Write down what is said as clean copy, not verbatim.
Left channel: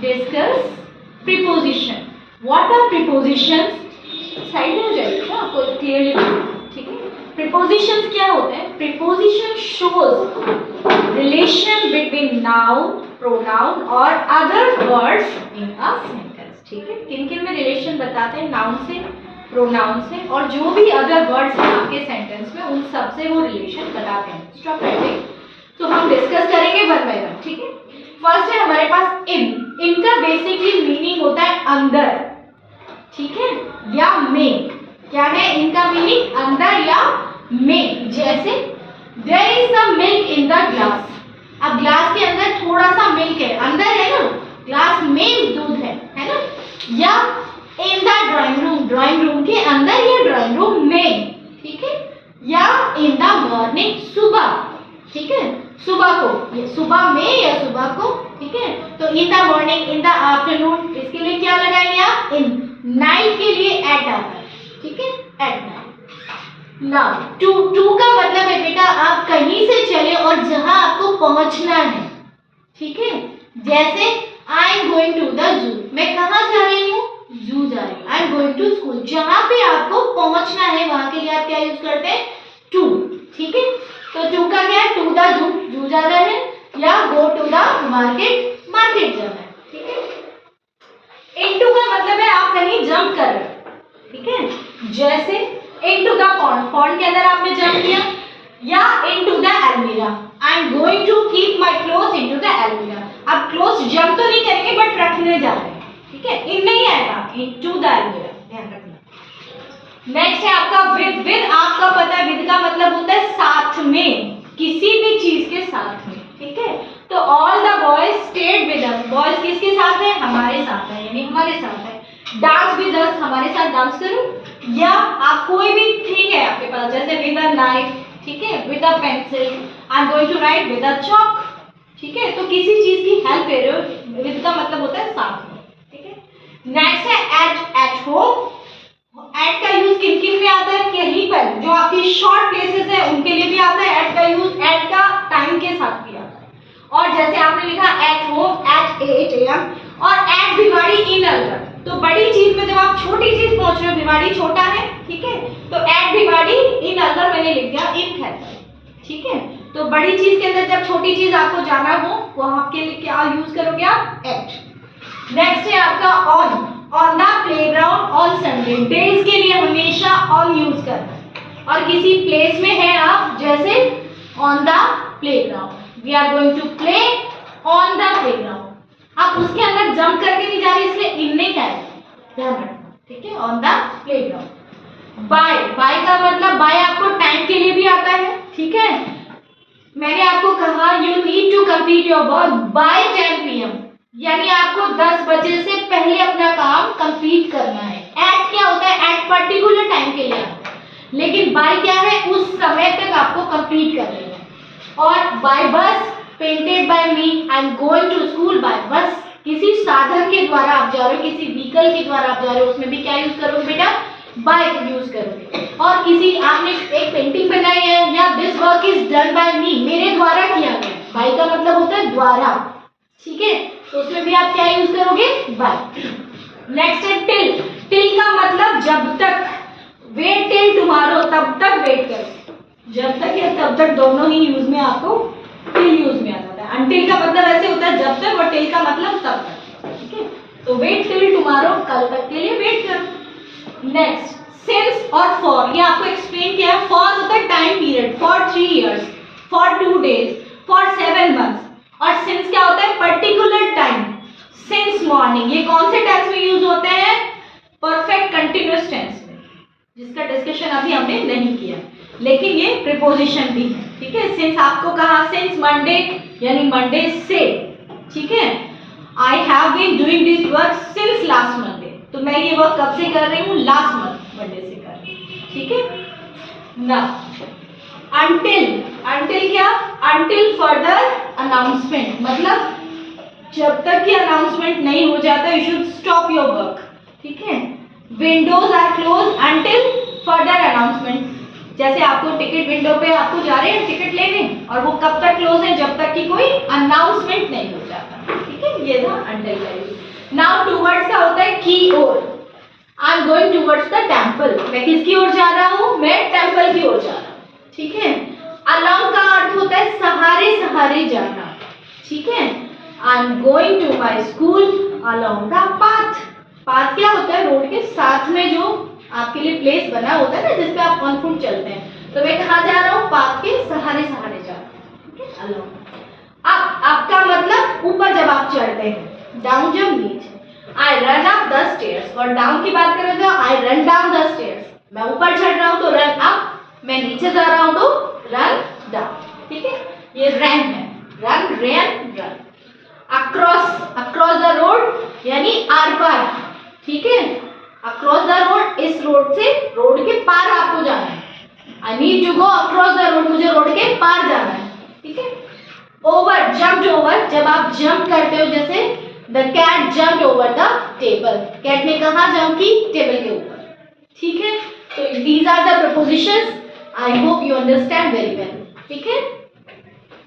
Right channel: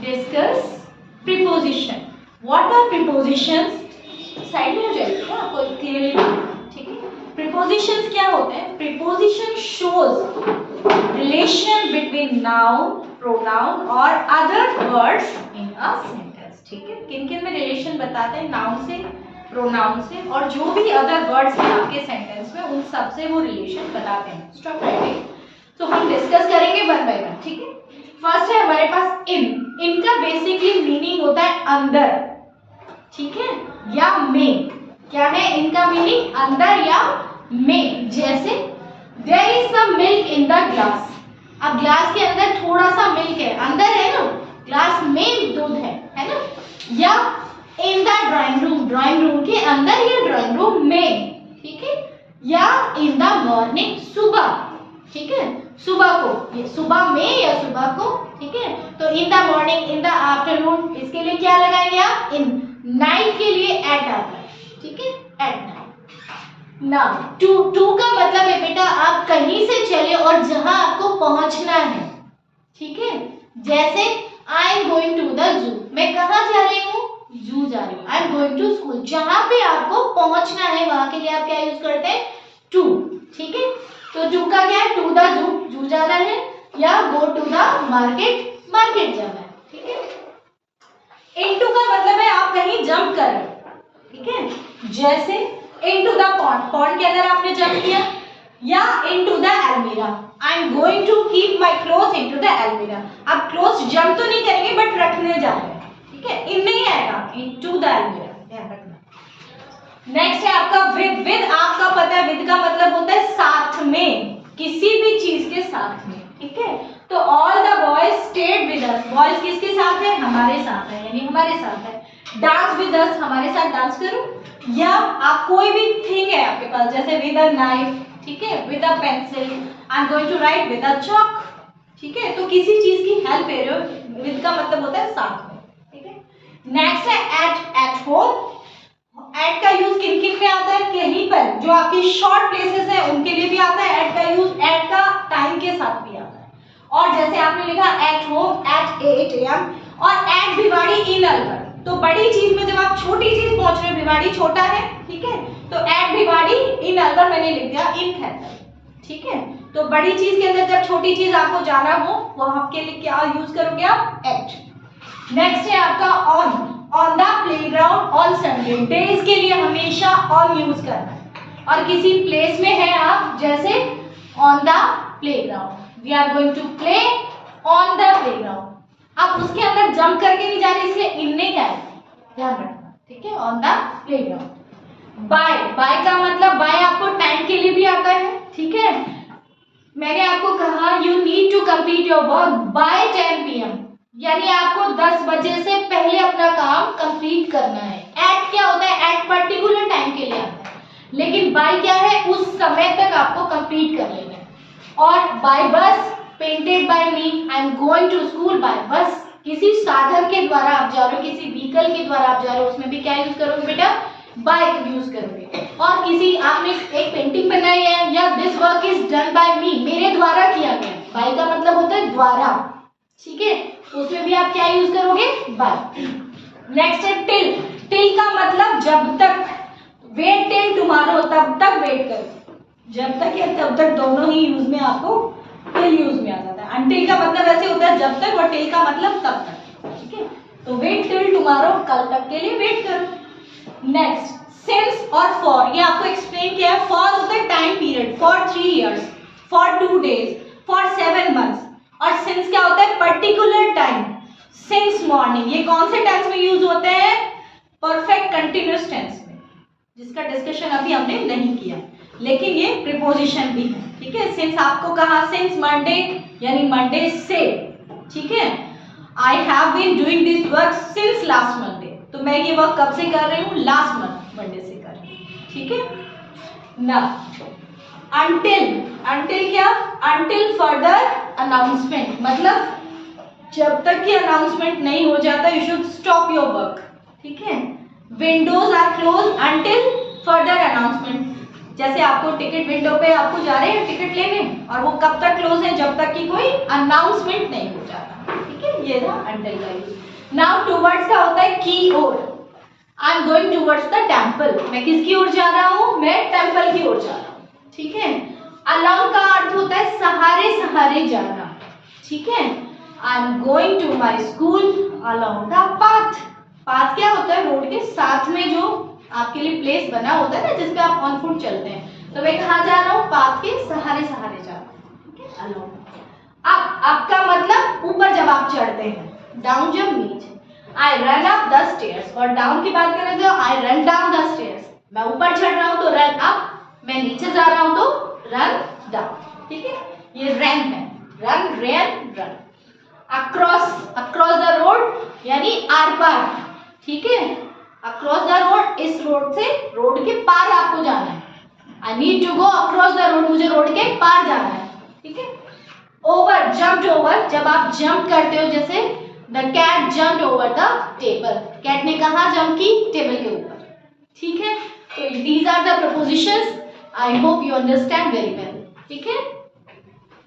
Discuss preposition. What are prepositions? Side में हो जाएगा आपको क्लियरली, ठीक है। प्रीपोजिशंस क्या होते हैं? Preposition shows relation between noun, pronoun और other words in a sentence, ठीक है। किन किन में रिलेशन बताते हैं? नाउन से, प्रोनाउन से और जो भी अदर वर्ड्स हैं आपके सेंटेंस में उन सब से वो रिलेशन बताते हैं। Stop writing. तो हम डिस्कस करेंगे वन बाय वन, ठीक है। फर्स्ट है हमारे पास इन। इनका बेसिकली मीनिंग होता है अंदर, ठीक है, या में। क्या है इनका मीनिंग? अंदर या में। जैसे there is some milk in the glass. अब ग्लास के अंदर थोड़ा सा मिल्क है, अंदर है ना, ग्लास में दूध है ना। या in the drawing room, drawing room के अंदर या ड्राइंग रूम में, ठीक है। या इन द मॉर्निंग, सुबह, ठीक है, सुबह को, ये सुबह में या सुबह को, ठीक है। तो in the morning, in the afternoon, इसके लिए क्या लगाएंगे आप? इन। नाइट के लिए एट आता है, ठीक है, एट नाइट। ना टू का मतलब है बेटा आप कहीं से चले और जहां आपको पहुंचना है, ठीक है। जैसे I am going to the zoo, मैं कहाँ जा रही हूँ? जू जा रही हूँ। I am going to school, जहां पे आपको पहुंचना है वहां के लिए आप क्या यूज करते हैं? टू, ठीक है। तो टू का क्या है? टू द जू, जू जा रहे हैं, या go to the market, market जा रहे हैं, ठीक है। इनटू का मतलब है आप कहीं जंप कर रहे हैं, ठीक है। जैसे इनटू द पॉन्ड, पॉन्ड के अंदर आपने जंप किया। या into the almirah, I am going to keep my clothes into the almirah. आप क्लोथ्स जंप तो नहीं करेंगे बट रखने जा रहे हैं, ठीक है। इन नहीं आएगा, इनटू द अलमीरा, ध्यान रखना। नेक्स्ट है आपका विद। विद आपका पता है विद का मतलब होता है साथ में, किसी भी चीज के साथ में, ठीक है। तो all the boys stayed with us. Boys किसके साथ है? हमारे साथ है, यानी हमारे साथ है। डांस विद अस, हमारे साथ डांस करो। या आप कोई भी थिंग है आपके पास, जैसे विद अ नाइफ, ठीक है, with a pencil, I am going to write with a chalk, ठीक है। तो किसी चीज की हेल्प ले रहे हो, विद का मतलब होता है साथ में, ठीक है। नेक्स्ट है एट। एट होम, एट का यूज किन किन में आता है? कहीं पर जो आपकी शॉर्ट प्लेसेस है उनके लिए भी आता है एट का यूज। एट का टाइम के साथ भी आता है। और जैसे आपने लिखा एट होम एट 8 AM और एट भिवाड़ी इन अलवर। तो बड़ी चीज में जब आप छोटी चीज पहुंच रहे हो, भिवाड़ी छोटा है, ठीक है, तो एट भिवाड़ी इन अलवर मैंने लिख दिया इन खैतर, ठीक है। तो बड़ी चीज के अंदर जब छोटी चीज आपको जाना हो वो आपके लिए क्या यूज करोगे आप? एट। नेक्स्ट है आपका on. On the playground on Sunday. Days के लिए हमेशा ऑन यूज करना है। और किसी प्लेस में है आप, जैसे on the playground, we are going to play on the playground. आप उसके अंदर जंप करके नहीं जा रहे, इसलिए इन नहीं कह रहे, ध्यान रखना, ठीक है। On the playground. By. By का मतलब बाय आपको टाइम के लिए भी आता है, ठीक है। मैंने आपको कहा you need to complete your work by 10 PM, यानी आपको 10 बजे से पहले अपना काम कंप्लीट करना है। एट क्या होता है? एट पर्टिकुलर टाइम के लिए आता है, लेकिन बाय क्या है? उस समय तक आपको कंप्लीट करना है। और by bus, painted by me, I am going to school by bus. किसी साधन के द्वारा आप जा रहे हो, किसी व्हीकल के द्वारा आप जा रहे हो, उसमें भी क्या यूज करोगे बेटा? बाय यूज करोगे। और किसी आपने एक पेंटिंग बनाई है, या this work is done by me, मेरे द्वारा किया गया। बाय का मतलब होता है द्वारा, ठीक है, तो उसमें भी आप क्या यूज करोगे? बाय। नेक्स्ट है टिल। टिल का मतलब जब तक। वेट टिल टुमारो, तब तक वेट करो। जब तक या तब तक दोनों ही यूज में आपको टिल यूज में आ जाता है। अनटिल का मतलब ऐसे होता है जब तक, और टिल का मतलब तब तक, ठीक है। तो वेट टिल टुमारो, कल तक के लिए वेट करो। नेक्स्ट सिंस और फॉर, ये आपको एक्सप्लेन किया है। फॉर होता है time period, for 3 years, for 2 days, for 7 months। और सिंस क्या होता है? Particular time. सिंस मॉर्निंग, ये कौन से टेंस में यूज होते हैं? परफेक्ट कंटिन्यूअस टेंस में, जिसका डिस्कशन अभी हमने नहीं किया, लेकिन ये प्रीपोजिशन भी है, ठीक है। सिंस आपको कहा सिंस मंडे, यानी मंडे से, ठीक है। I have been doing this work since last Monday, तो मैं ये वर्क कब से कर रही हूँ? लास्ट मंडे से कर रही हूँ, ठीक है ना। अनटिल। अनटिल क्या? अनटिल फर्दर अनाउंसमेंट, मतलब जब तक कि अनाउंसमेंट नहीं हो जाता you should stop your work, ठीक है। Windows are close until further announcement, जैसे आपको टिकट विंडो पे आपको जा रहे हैं टिकट लेने, और वो कब तक क्लोज है? जब तक कि कोई अनाउंसमेंट नहीं हो जाता, ठीक है। ये था अंडरलाइन। नाउ टुवर्ड्स का होता है की ओर। I am going towards the temple, मैं किसकी ओर जा रहा हूँ, मैं टेम्पल की ओर जा रहा हूँ, ठीक है। अलोंग का अर्थ होता है सहारे सहारे जाना, ठीक है। I am going to my school along the path. Path क्या होता है, रोड के साथ में जो आपके लिए प्लेस बना होता है ना जिसपे आप ऑन फुट चलते हैं, तो मैं कहाँ जा रहा हूँ, पाथ के सहारे सहारे जा रहा हूँ, ठीक है, अलोंग। अब आपका मतलब ऊपर जब आप चढ़ते हैं, डाउन जब नीचे। I run up the stairs, और डाउन की बात करें तो I run down the stairs, मैं ऊपर चढ़ रहा हूँ तो रन अप, मैं नीचे जा रहा हूँ तो रन डाउन, ठीक है। ये रन है, run ran run. Across, across the road यानी आर पार, ठीक है। अक्रॉस द रोड, इस रोड से रोड के पार आपको जाना है। I need to go across the road, मुझे रोड के पार जाना है, ठीक है। ओवर, जंप्ड ओवर, जब आप जंप करते हो, जैसे the cat jumped over the table, cat ने कहाँ जंप की, टेबल के ऊपर, ठीक है। तो these are the prepositions, I hope you understand very well, ठीक है।